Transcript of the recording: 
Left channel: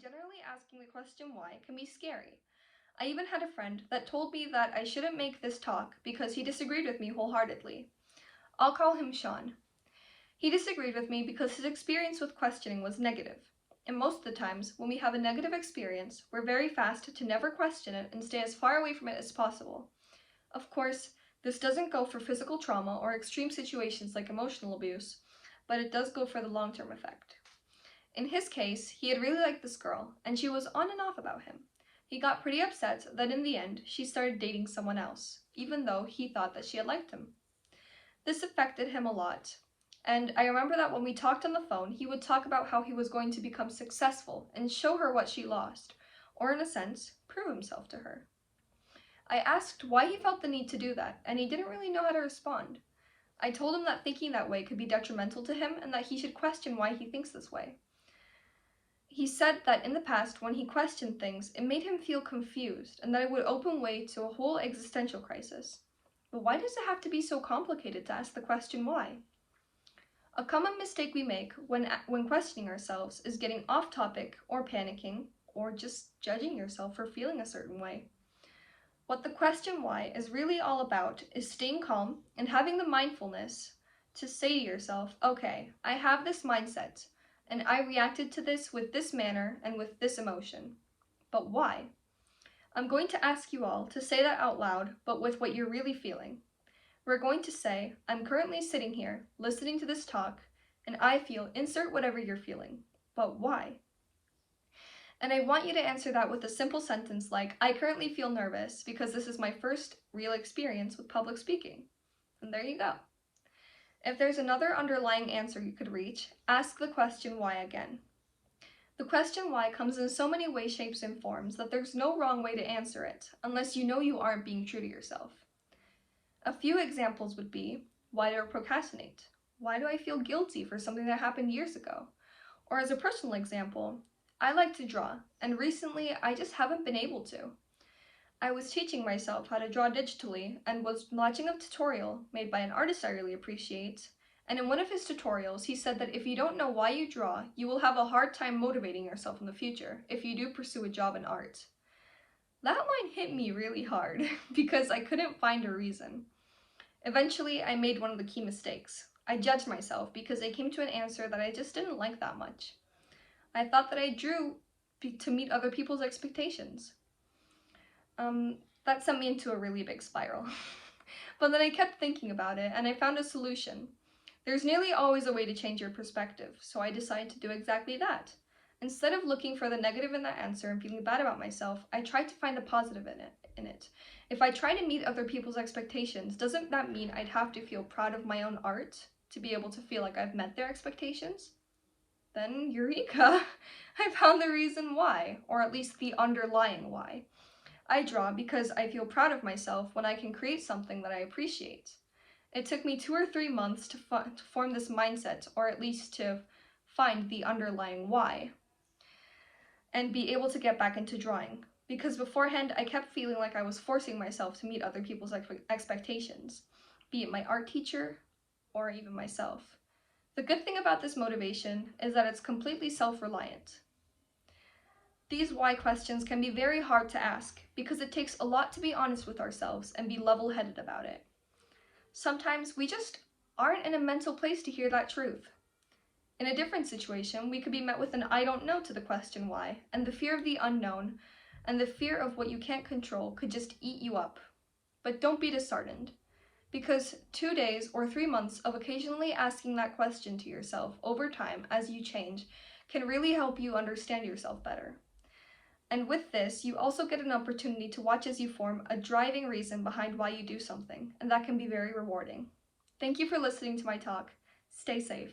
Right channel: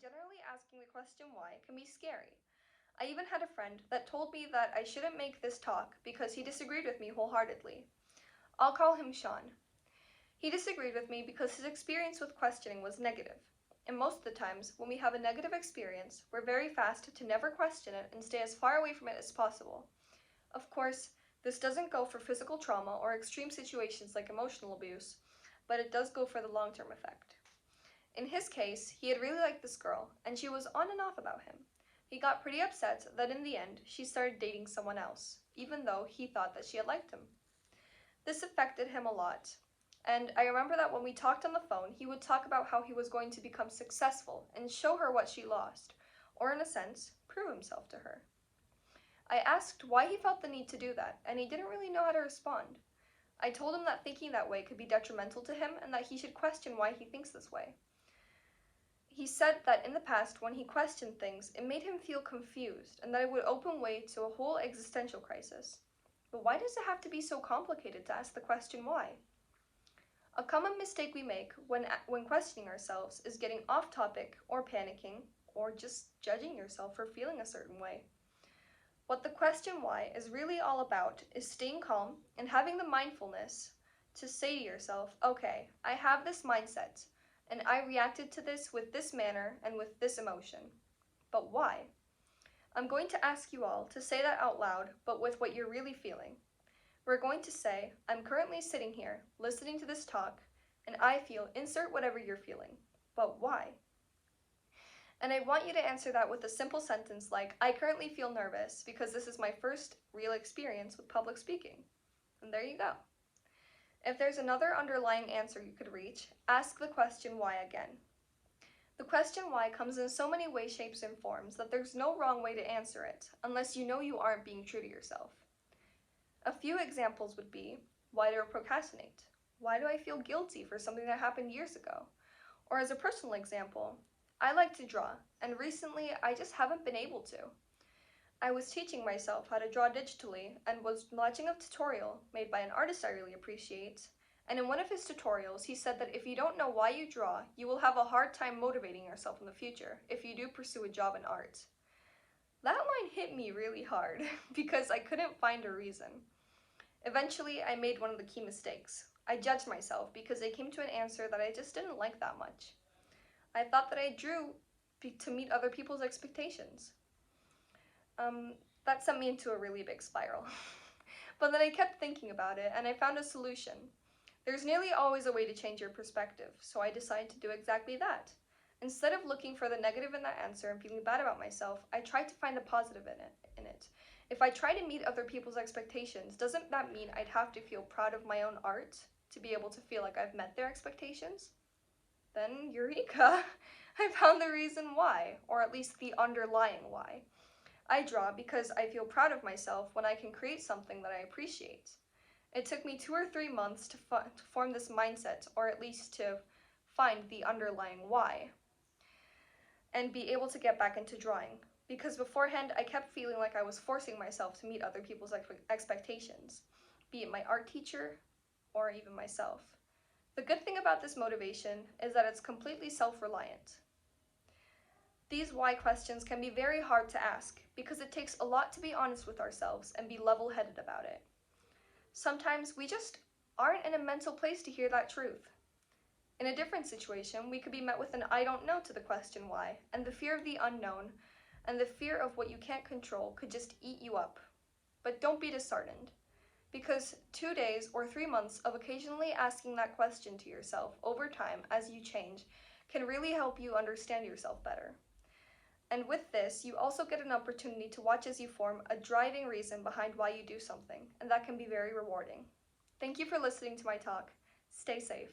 generally asking the question why can be scary. I even had a friend that told me that I shouldn't make this talk because he disagreed with me wholeheartedly. I'll call him Sean. He disagreed with me because his experience with questioning was negative. And most of the times, when we have a negative experience, we're very fast to never question it and stay as far away from it as possible. Of course, this doesn't go for physical trauma or extreme situations like emotional abuse, but it does go for the long-term effect. In his case, he had really liked this girl, and she was on and off about him. He got pretty upset that in the end, she started dating someone else, even though he thought that she had liked him. This affected him a lot, and I remember that when we talked on the phone, he would talk about how he was going to become successful and show her what she lost, or in a sense, prove himself to her. I asked why he felt the need to do that, and he didn't really know how to respond. I told him that thinking that way could be detrimental to him and that he should question why he thinks this way. He said that in the past, when he questioned things, it made him feel confused and that it would open way to a whole existential crisis. But why does it have to be so complicated to ask the question why? A common mistake we make when questioning ourselves is getting off topic or panicking or just judging yourself for feeling a certain way. What the question why is really all about is staying calm and having the mindfulness to say to yourself, okay, I have this mindset, and I reacted to this with this manner and with this emotion. But why? I'm going to ask you all to say that out loud, but with what you're really feeling. We're going to say, I'm currently sitting here, listening to this talk, and I feel, insert whatever you're feeling. But why? And I want you to answer that with a simple sentence like, I currently feel nervous because this is my first real experience with public speaking. And there you go. If there's another underlying answer you could reach, ask the question why again. The question why comes in so many ways, shapes, and forms that there's no wrong way to answer it, unless you know you aren't being true to yourself. A few examples would be, why do I procrastinate? Why do I feel guilty for something that happened years ago? Or as a personal example, I like to draw, and recently I just haven't been able to. I was teaching myself how to draw digitally and was watching a tutorial made by an artist I really appreciate, and in one of his tutorials he said that if you don't know why you draw, you will have a hard time motivating yourself in the future if you do pursue a job in art. That line hit me really hard because I couldn't find a reason. Eventually, I made one of the key mistakes. I judged myself because I came to an answer that I just didn't like that much. I thought that I drew to meet other people's expectations. That sent me into a really big spiral. But then I kept thinking about it and I found a solution. There's nearly always a way to change your perspective, so I decided to do exactly that. Instead of looking for the negative in that answer and feeling bad about myself, I tried to find the positive in it. If I try to meet other people's expectations, doesn't that mean I'd have to feel proud of my own art to be able to feel like I've met their expectations? Then, eureka! I found the reason why, or at least the underlying why. I draw because I feel proud of myself when I can create something that I appreciate. It took me 2 or 3 months to form this mindset, or at least to find the underlying why, and be able to get back into drawing. Because beforehand, I kept feeling like I was forcing myself to meet other people's expectations, be it my art teacher or even myself. The good thing about this motivation is that it's completely self-reliant. These why questions can be very hard to ask because it takes a lot to be honest with ourselves and be level-headed about it. Sometimes we just aren't in a mental place to hear that truth. In a different situation, we could be met with an I don't know to the question why, and the fear of the unknown and the fear of what you can't control could just eat you up. But don't be disheartened, because 2 days or 3 months of occasionally asking that question to yourself over time as you change can really help you understand yourself better. And with this, you also get an opportunity to watch as you form a driving reason behind why you do something, and that can be very rewarding. Thank you for listening to my talk. Stay safe.